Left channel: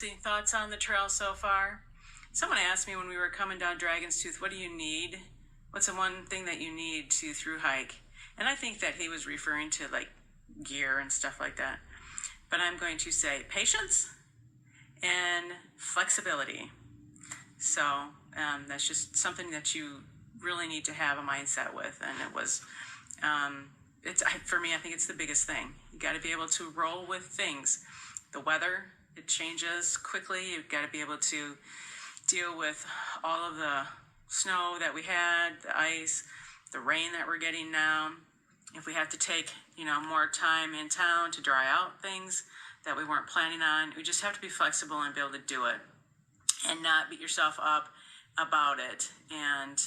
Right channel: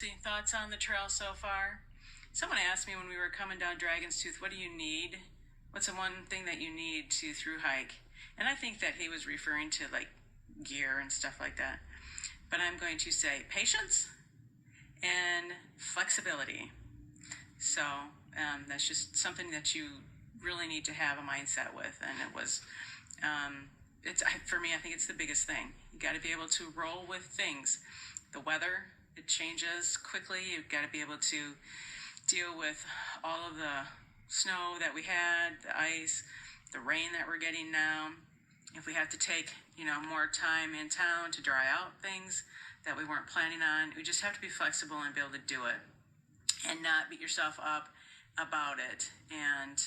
Any thoughts on the trail so far? Someone asked me when we were coming down Dragon's Tooth, what do you need? What's the one thing that you need to through hike? And I think that he was referring to like gear and stuff like that. But I'm going to say patience and flexibility. So that's just something that you really need to have a mindset with. And it was, for me, I think it's the biggest thing. You got to be able to roll with things. The weather, it changes quickly. You've got to be able to deal with all of the snow that we had, the ice, the rain that we're getting now. If we have to take, more time in town to dry out things that we weren't planning on, we just have to be flexible and be able to do it and not beat yourself up about it. And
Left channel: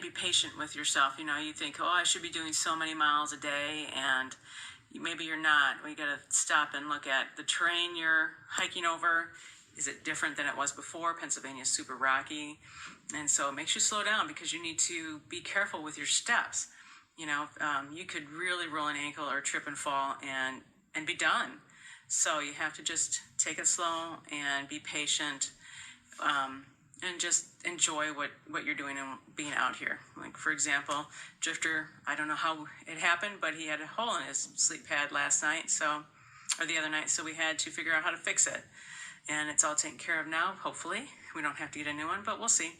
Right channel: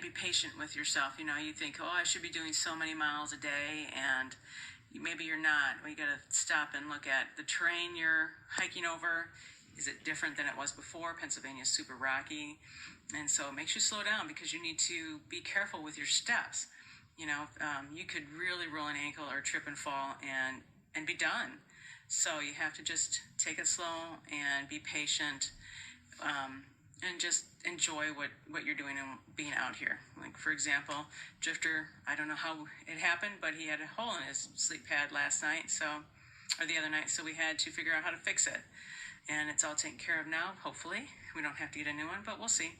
be patient with yourself. You think, I should be doing so many miles a day, and maybe you're not. We got to stop and look at the terrain you're hiking over. Is it different than it was before? Pennsylvania is super rocky. And so it makes you slow down because you need to be careful with your steps. You could really roll an ankle or trip and fall and be done. So you have to just take it slow and be patient, and just enjoy what you're doing and being out here. Like, for example, Drifter, I don't know how it happened, but he had a hole in his sleep pad last night, or the other night, so we had to figure out how to fix it. And it's all taken care of now, hopefully. We don't have to get a new one, but we'll see.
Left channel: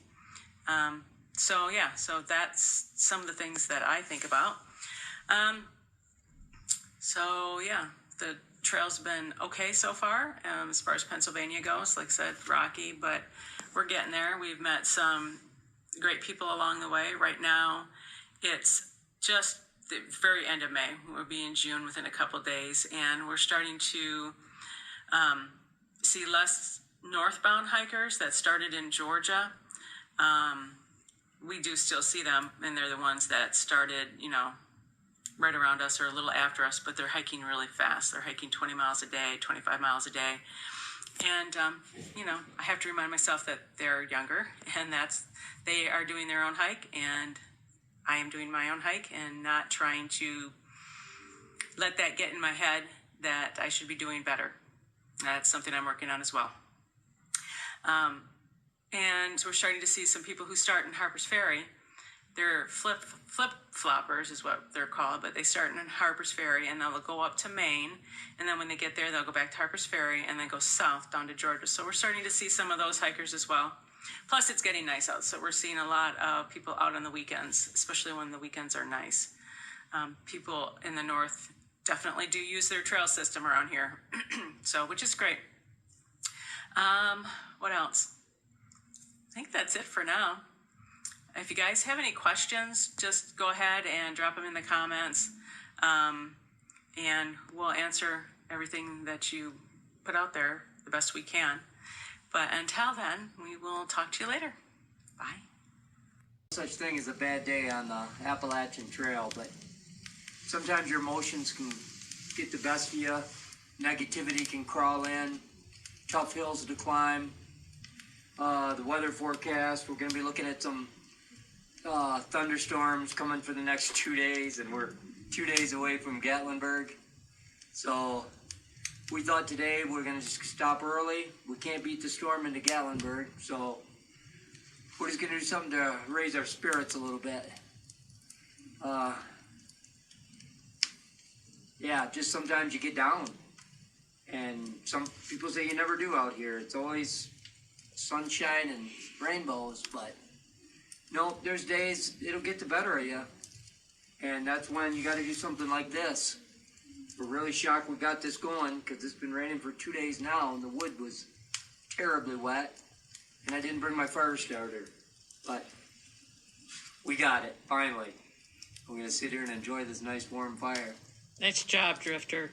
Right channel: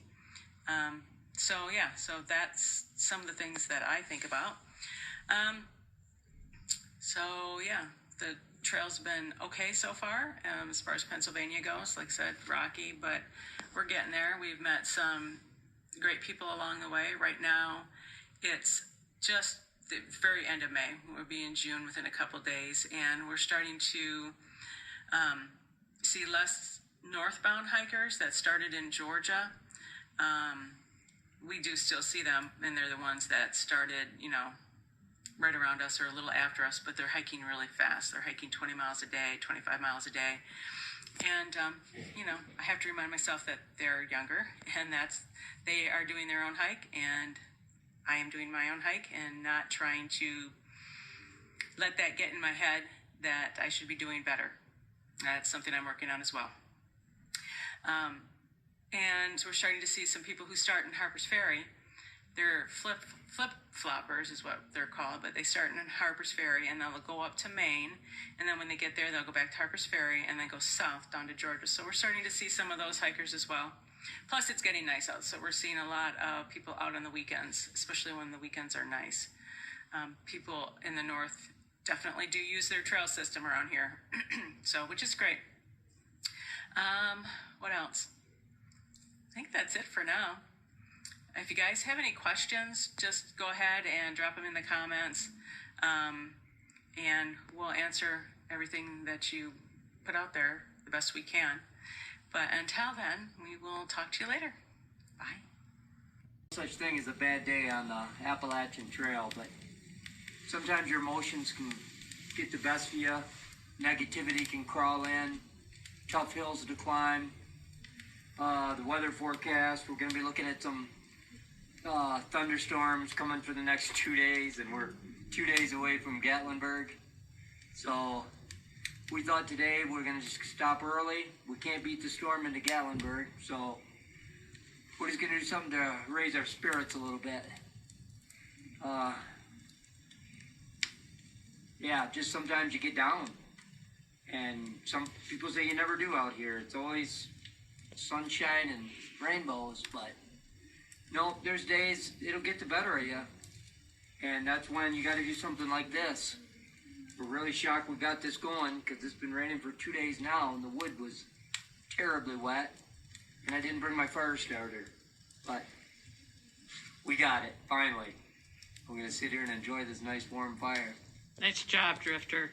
So that's some of the things that I think about. The trail's been okay so far, as far as Pennsylvania goes. Like I said, rocky, but we're getting there. We've met some great people along the way. Right now, it's just the very end of May. We'll be in June within a couple days, and we're starting to see less northbound hikers that started in Georgia. We do still see them, and they're the ones that started, right around us or a little after us, but they're hiking really fast. They're hiking 20 miles a day, 25 miles a day. And, I have to remind myself that they're younger, and they are doing their own hike, and I am doing my own hike, and not trying to let that get in my head that I should be doing better. That's something I'm working on as well. And we're starting to see some people who start in Harper's Ferry. They're flip-floppers is what they're called, but they start in Harper's Ferry, and they'll go up to Maine, and then when they get there, they'll go back to Harper's Ferry, and then go south down to Georgia. So we're starting to see some of those hikers as well. Plus, it's getting nice out, so we're seeing a lot of people out on the weekends, especially when the weekends are nice. People in the north definitely do use their trail system around here, which is great. What else? I think that's it for now. If you guys have any questions, just go ahead and drop them in the comments, and we'll answer everything that you put out there the best we can. But until then, we will talk to you later. Bye. Such thing as a bad day on the Appalachian Trail, but sometimes your emotions can get the best of you. Negativity can crawl in. Tough hills to climb. The weather forecast, we're going to be looking at some thunderstorms coming for the next 2 days, and we're 2 days away from Gatlinburg. So we thought today we're going to just stop early. We can't beat the storm into Gatlinburg, so we're just going to do something to raise our spirits a little bit. Just sometimes you get down, and some people say you never do out here. It's always sunshine and rainbows, but no, there's days it'll get the better of you, and that's when you got to do something like this. We're really shocked we got this going because it's been raining for 2 days now, and the wood was terribly wet, and I didn't bring my fire starter, but we got it finally. We're gonna sit here and enjoy this nice warm fire. Nice job, Drifter.